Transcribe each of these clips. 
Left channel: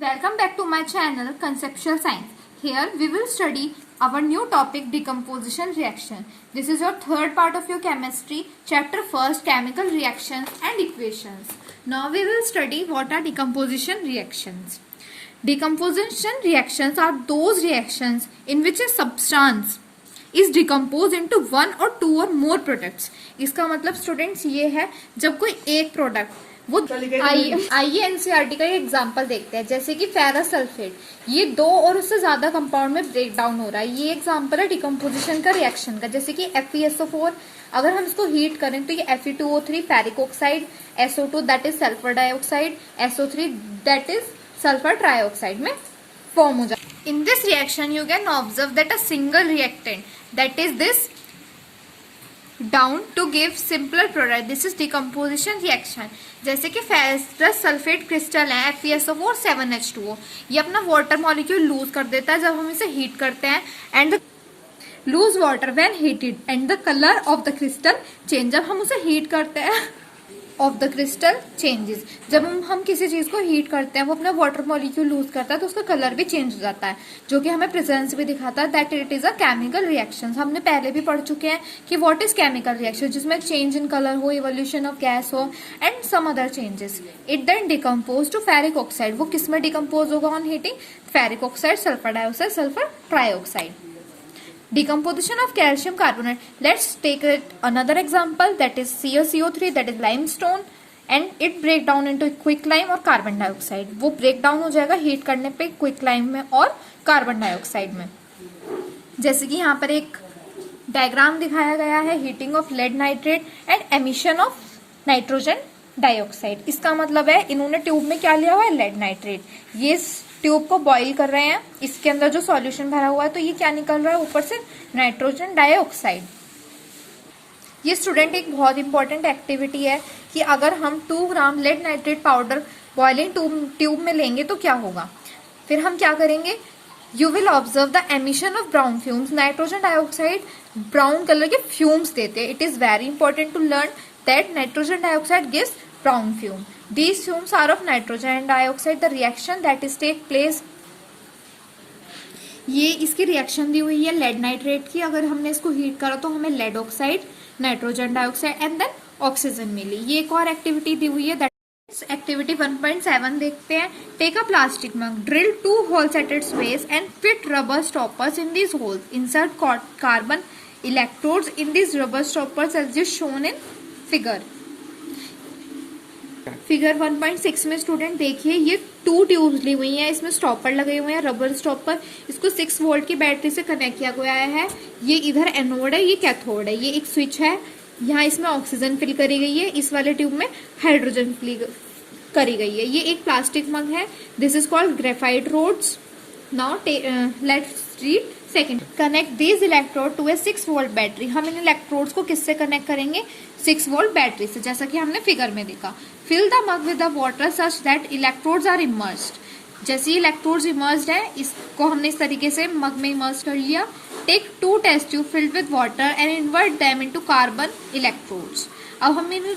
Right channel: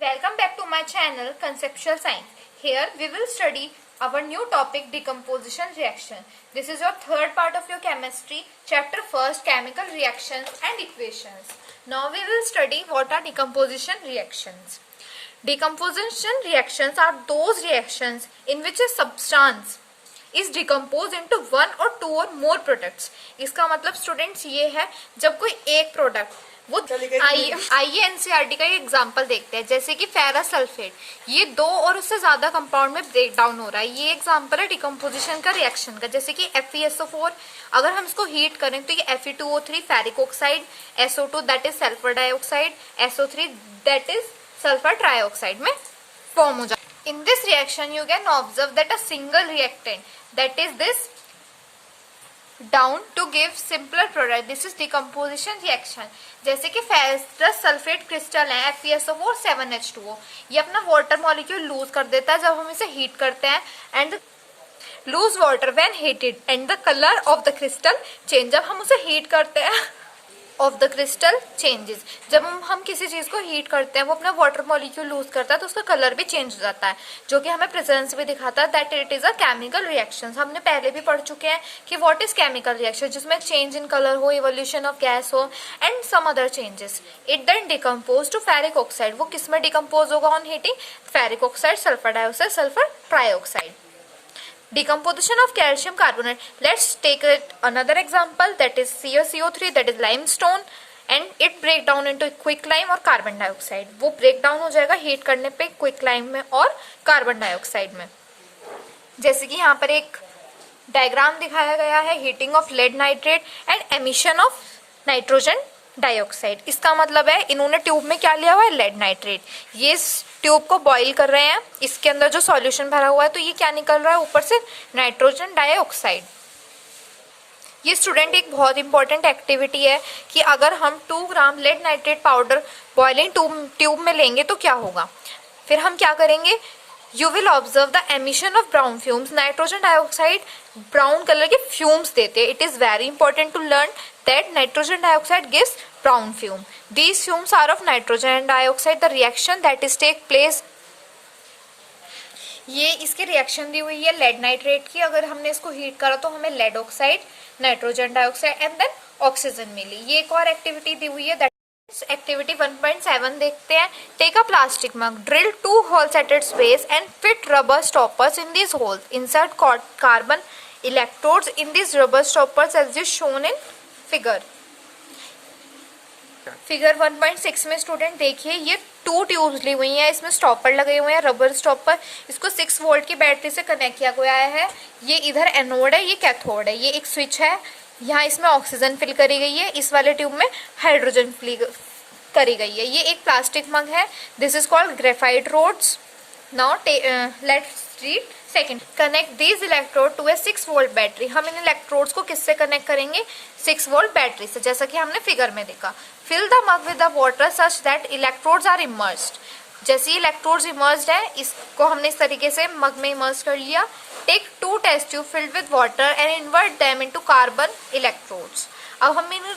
Welcome back to my channel Conceptual Science. Here we will study our new topic decomposition reaction. This is your third part of your chemistry chapter first chemical reactions and equations. Now we will study what are decomposition reactions. Decomposition reactions are those reactions in which a substance is decomposed into one or two or more products. इसका मतलब students ये है जब कोई एक product वो आइए NCERT का एक एग्जांपल देखते हैं, जैसे कि फेरस सल्फेट, ये दो और उससे ज्यादा कंपाउंड में ब्रेक डाउन हो रहा है। ये एग्जांपल है डिकम्पोजिशन का रिएक्शन का। जैसे कि FeSO4 अगर हम इसको हीट करें तो ये Fe2O3 ferric oxide, SO2 that is sulphur dioxide, SO3 that is sulphur trioxide में फॉर्म हो जाए। In this reaction you can observe that a single reactant that is this down to give simpler product. This is decomposition reaction. जैसे कि ferrous sulphate crystal है FeSO4 7H2O, ये अपना water molecule loose कर देता है जब हम इसे हीट करते हैं and loose water when heated and the colour of the crystal change. जब हम उसे हीट करते हैं ऑफ द क्रिस्टल चेंजेस, जब हम किसी चीज को हीट करते हैं वो अपना वाटर मॉलिक्यूल लूज करता है तो उसका कलर भी चेंज हो जाता है, जो कि हमें प्रेजेंस भी दिखाता है that it is a chemical reaction. हमने पहले भी पढ़ चुके हैं कि व्हाट इज केमिकल रिएक्शन, जिसमें चेंज इन कलर हो, इवोल्यूशन ऑफ गैस हो and some other changes. It then decompose to ferric oxide. वो किस में डिकम्पोज होगा on heating? Ferric oxide, sulphur dioxide, sulphur trioxide. Decomposition of calcium carbonate. Let's take another example, that is CaCO3, that is limestone, and it break down into quicklime और carbon dioxide. वो break down हो जाएगा heat करने पे quicklime में और carbon dioxide में। जैसे कि यहाँ पर एक डायग्राम दिखाया गया है, heating of lead nitrate and emission of nitrogen dioxide. इसका मतलब है इन्होंने ट्यूब में क्या लिया हुआ है? Lead nitrate. ये ट्यूब को बॉईल कर रहे हैं, इसके अंदर जो सॉल्यूशन भरा हुआ है तो ये क्या निकल रहा है ऊपर से? Nitrogen dioxide. ये स्टूडेंट एक बहुत इंपॉर्टेंट एक्टिविटी है कि अगर हम 2 gram lead nitrate powder boiling tube में लेंगे तो क्या होगा। फिर हम क्या करेंगे? You will observe the emission of brown fumes. Nitrogen dioxide brown colour के फ्यूम्स देते हैं। It is very important to learn that nitrogen dioxide gives brown fume. These fumes are of nitrogen dioxide. The reaction that is take place, ये इसकी reaction दी हुई है lead nitrate की। अगर हमने इसको हीट करा तो हमें lead oxide, nitrogen dioxide and then oxygen मिली। ये एक और एक्टिविटी दी हुई है, दैट एक्टिविटी 1.7 देखते हैं। Take a plastic mug, drill 2 holes at its base and fit rubber stoppers in these holes. Insert carbon electrodes in these rubber stoppers as is shown in figure. Figure 1.6 में student देखिए ये 2 tubes ली हुई हैं, इसमें stopper लगे हुए हैं, rubber stopper. इसको 6 वोल्ट की बैटरी से कनेक्ट किया गया है। ये इधर एनोड है, ये कैथोड है। ये एक स्विच है, यहाँ इसमें ऑक्सीजन फिल करी गई है, इस वाले ट्यूब में हाइड्रोजन फिल करी गई है। ये एक प्लास्टिक मग है, this is called graphite rods. Now let's read second. Connect this electrode to a 6 volt battery. हम इन इलेक्ट्रोड्स को किससे कनेक्ट करेंगे? 6 वोल्ट बैटरी से, जैसा कि हमने फिगर में देखा। Fill the mug with the water such that electrodes are immersed. जैसे इलेक्ट्रोड्स इमर्स्ड है, इसको हमने इस तरीके से मग में इमर्स कर लिया। Take 2 test tube filled with water and invert them into carbon electrodes. अब हम इन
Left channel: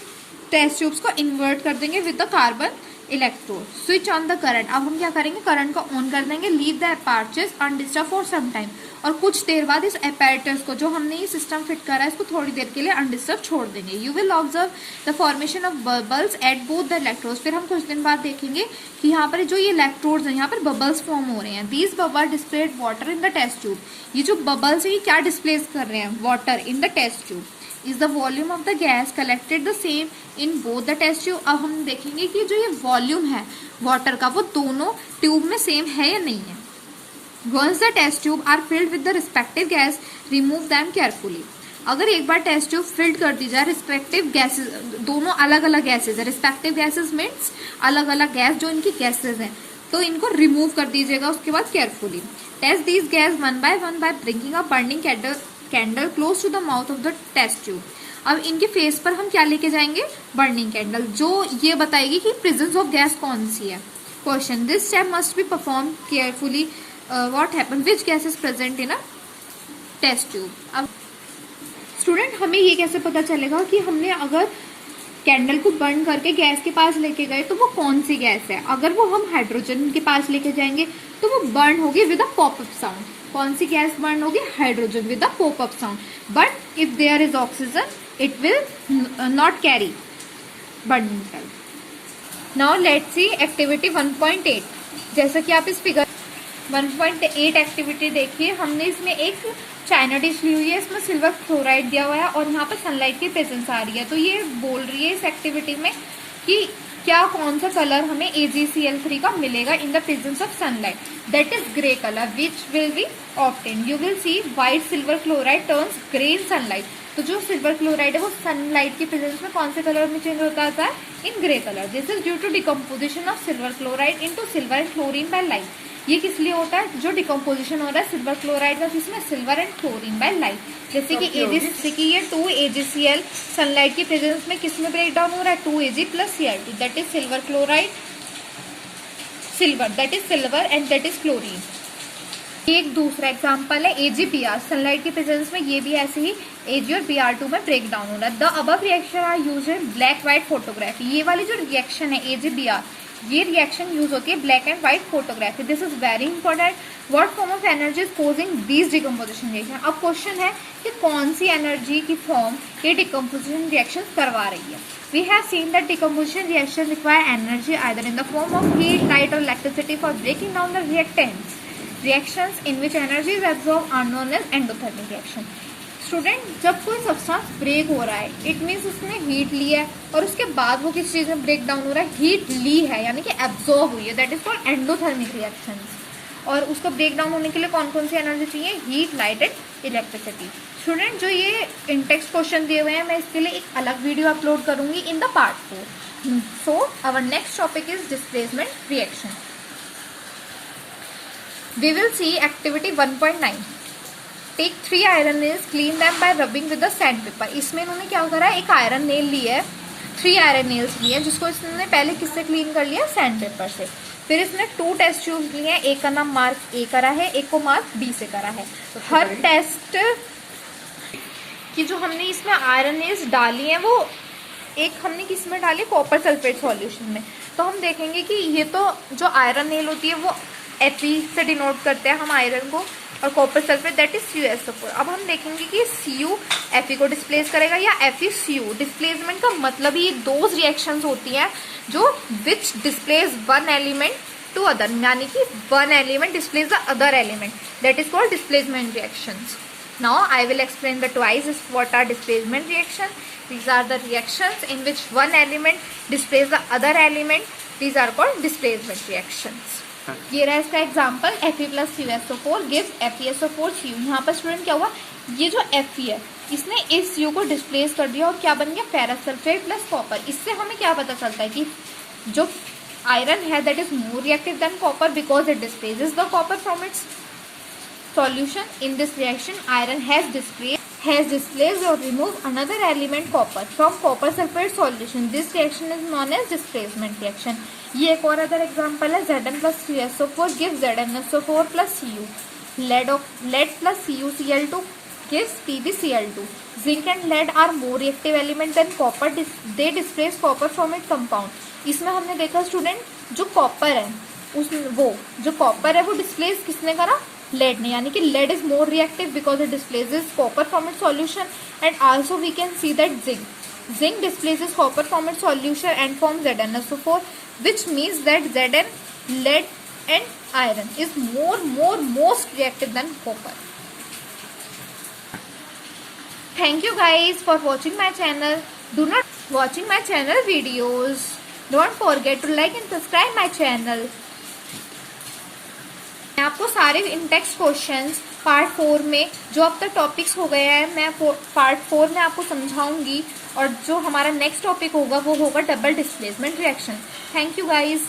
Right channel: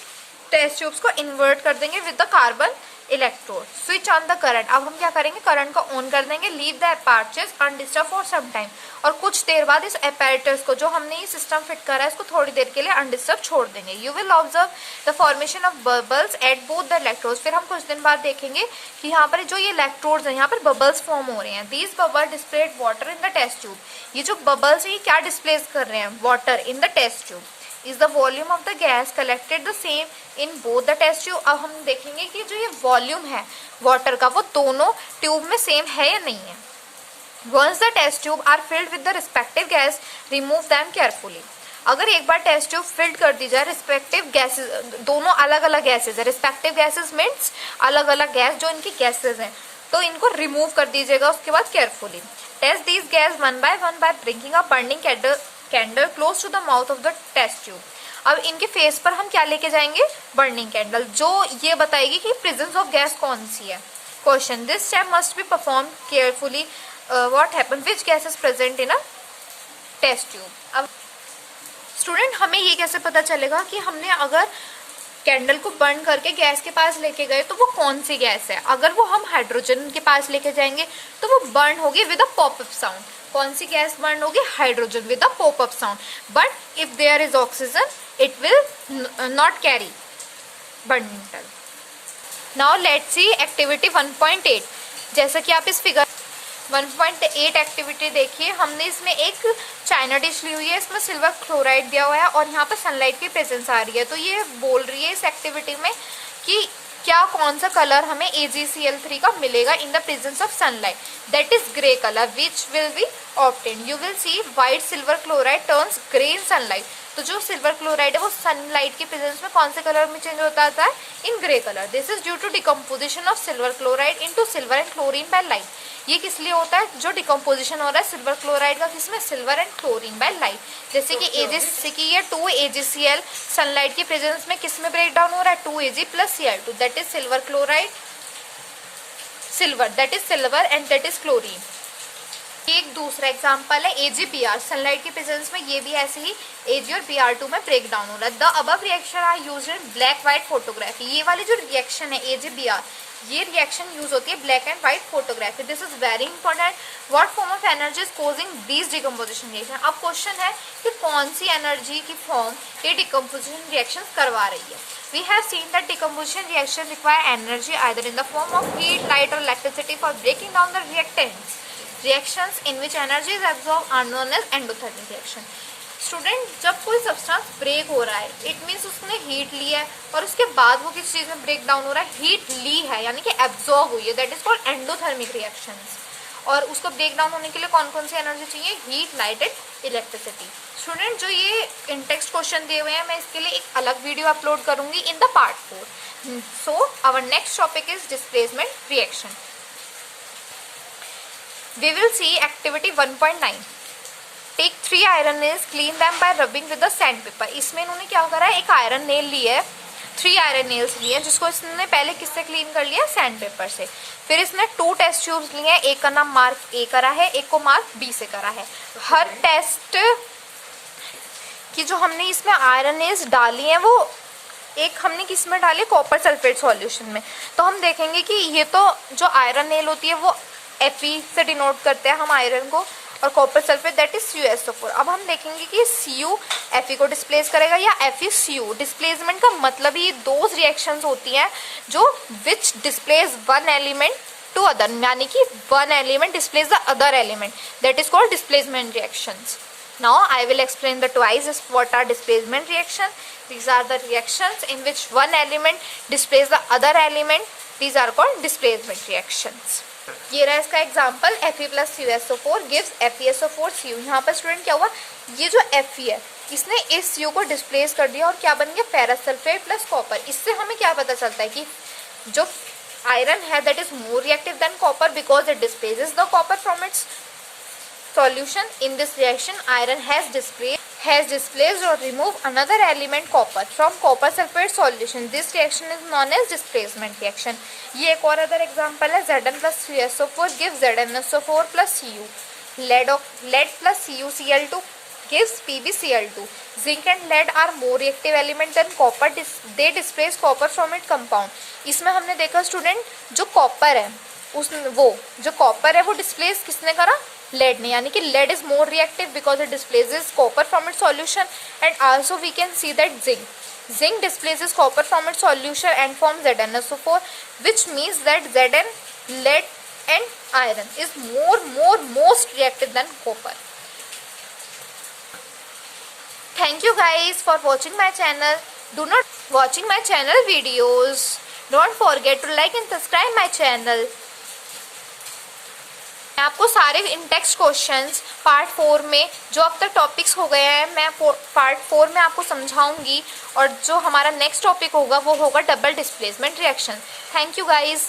टेस्ट ट्यूब्स को इन्वर्ट कर देंगे with the carbon electrode. Switch on the current. अब हम क्या करेंगे? करंट को ऑन कर देंगे। Leave the apparatus undisturbed for some time. और कुछ देर बाद इस अपैरेटस को, जो हमने ये सिस्टम फिट करा है, इसको थोड़ी देर के लिए अनडिस्टर्ब छोड़ देंगे। You will observe the formation of bubbles at both the electrodes. फिर हम कुछ दिन बाद देखेंगे कि यहाँ पर जो ये इलेक्ट्रोड्स हैं यहाँ पर बबल्स फॉर्म हो रहे हैं। These bubble displaced water in the test tube. ये जो बबल्स है ये क्या डिस्प्लेस कर रहे हैं? Water in the test tube. Is the volume of the gas collected the same in both the test tube. अब हम देखेंगे कि जो ये वॉल्यूम है वाटर का वो दोनों ट्यूब में सेम है या नहीं है। Once the test tube are filled with the respective gas remove them carefully. अगर एक बार टेस्ट ट्यूब फिल्ड कर दी जाए, रिस्पेक्टिव गैसेज, दोनों अलग अलग गैसेज है, रिस्पेक्टिव गैसेज मीन्स अलग अलग गैस जो इनकी गैसेज हैं, तो इनको रिमूव कर दीजिएगा उसके बाद carefully. Test these gas one by bringing a burning candle close to the mouth of the test tube. अब इनके फेस पर हम क्या लेके जाएंगे? बर्निंग कैंडल, जो ये बताएगी कि प्रेजेंस ऑफ गैस कौन सी है। Question, this step must be perform carefully. What happen, which gas is present in a test tube. अब स्टूडेंट हमें ये कैसे पता चलेगा कि हमने अगर कैंडल को बर्न करके गैस के पास लेके गए तो वो कौन सी गैस है? अगर वो हम हाइड्रोजन के पास लेके जाएंगे तो वो बर्न होगी विद अ पॉपअप साउंड। कौन सी गैस बर्न होगी? Hydrogen with a popup sound. But if there is oxygen it will not carry burning metal. Now let's see activity 1.8। जैसा कि आप इस फिगर 1.8 एक्टिविटी देखिए, हमने इसमें एक चाइना डिश ली हुई है, इसमें सिल्वर क्लोराइड दिया हुआ है और यहाँ पर सनलाइट की प्रेजेंस आ रही है। तो ये बोल रही है इस एक्टिविटी में कि क्या कौन सा कलर हमें AgCl3 का मिलेगा in the presence of sunlight, that is grey colour, which will be obtained. You will see white silver chloride turns grey in sunlight. तो जो सिल्वर क्लोराइड है वो सनलाइट की प्रेजेंस में कौन से कलर में चेंज होता है? In grey colour. This is due to decomposition of silver chloride into silver and chlorine by light. ये किस लिए होता है? जो डिकम्पोजिशन हो रहा है सिल्वर क्लोराइड का किसमें? Silver and chlorine by light. जैसे कि ये 2AgCl सनलाइट की प्रेजेंस में किस में ब्रेक डाउन हो रहा है? 2Ag plus Cl2, that is silver chloride, silver that is silver and that is chlorine. एक दूसरा एग्जांपल है AgBr, सनलाइट की प्रेजेंस में ये भी ऐसे ही Ag और Br2 में ब्रेक डाउन हो रहा है। The above reaction are used in black white photography. ये वाली जो रिएक्शन है AgBr, ये रिएक्शन यूज होती है black and white photography. This is very important. What form of energy is causing these decomposition reaction. अब क्वेश्चन है कि कौन सी एनर्जी की फॉर्म ये डिकम्पोजिशन रिएक्शन करवा रही है। We have seen that decomposition reaction require energy either in the form of heat, light और electricity for breaking down the reactants. Reactions in which energy is absorbed are known as endothermic reaction. Student, जब कोई substance break हो रहा है it means उसने heat ली है और उसके बाद वो किस चीज में ब्रेक डाउन हो रहा है? हीट ली है यानी कि एब्जॉर्ब हुई है, that is called endothermic reactions. और उसको ब्रेक डाउन होने के लिए कौन कौन सी एनर्जी चाहिए? Heat, light and electricity. Student, जो ये इन टेक्स्ट क्वेश्चन दिए हुए हैं मैं इसके लिए एक अलग वीडियो अपलोड करूंगी in the part 4। So our next topic is displacement reaction. We will see activity 1.9. Take 3 iron nails, clean them by rubbing with the sandpaper. इसमें इन्होंने क्या करा है? एक आयरन नेल ली है, 3 आयरन नेल्स लिए हैं जिसको इसने पहले किससे क्लीन कर लिया? सैंडपेपर से। फिर इसने 2 टेस्ट ट्यूब्स लिए हैं, एक का नाम मार्क A करा है, एक को मार्क B से करा है। हर टेस्ट की जो हमने इसमें आयरन नेल्स डाली हैं वो एक हमने किस में डाली? कॉपर सल्फेट सॉल्यूशन में। तो हम देखेंगे कि ये तो जो आयरन नेल होती है वो Fe से डिनोट करते हैं हम आयरन को, और copper sulphate that is CuSO4। अब हम देखेंगे कि Cu Fe को डिस्प्लेस करेगा या Fe Cu। डिस्प्लेसमेंट का मतलब ही दो रिएक्शंस होती हैं जो which displace one element to other, यानी कि one element displace the other element, that is called displacement reactions. Now I will explain the twice is what are displacement reaction. These are the reactions in which one element displaces the other element. These are called displacement reactions. ये रहा इसका example, Fe plus CuSO4 gives FeSO4Cu। यहाँ पर student क्या हुआ? ये जो Fe है इसने इस Cu को डिस्प्लेस कर दिया और क्या बन गया? Ferrous sulphate plus copper. इससे हमें क्या पता चलता है कि जो आयरन है that is more reactive than copper because it displaces the copper from it's solution. In this reaction iron has displaced or removed another element copper from copper sulfate solution. This reaction is known as displacement reaction. ये एक और other example है, Zn plus CuSO4 gives ZnSO4 plus Cu. Lead plus CuCl2 gives PbCl2. Zinc and lead are more reactive element than copper. They displace copper from its compound. इसमें हमने देखा student जो copper है जो copper है वो displace किसने करा? लेड ने, यानी कि lead is more reactive because it displaces copper from its solution. And also we can see that zinc displaces copper from its solution and forms ZnSO4, which means that Zn, lead and iron is most reactive than copper. Thank you guys for watching my channel. Do not watching my channel videos. Don't forget to like and subscribe my channel. मैं आपको सारे इन-टेक्स्ट questions part 4 में जो अब तक topics हो गए हैं मैं पार्ट 4 में आपको समझाऊंगी, और जो हमारा नेक्स्ट टॉपिक होगा वो होगा double displacement reaction. Thank you guys.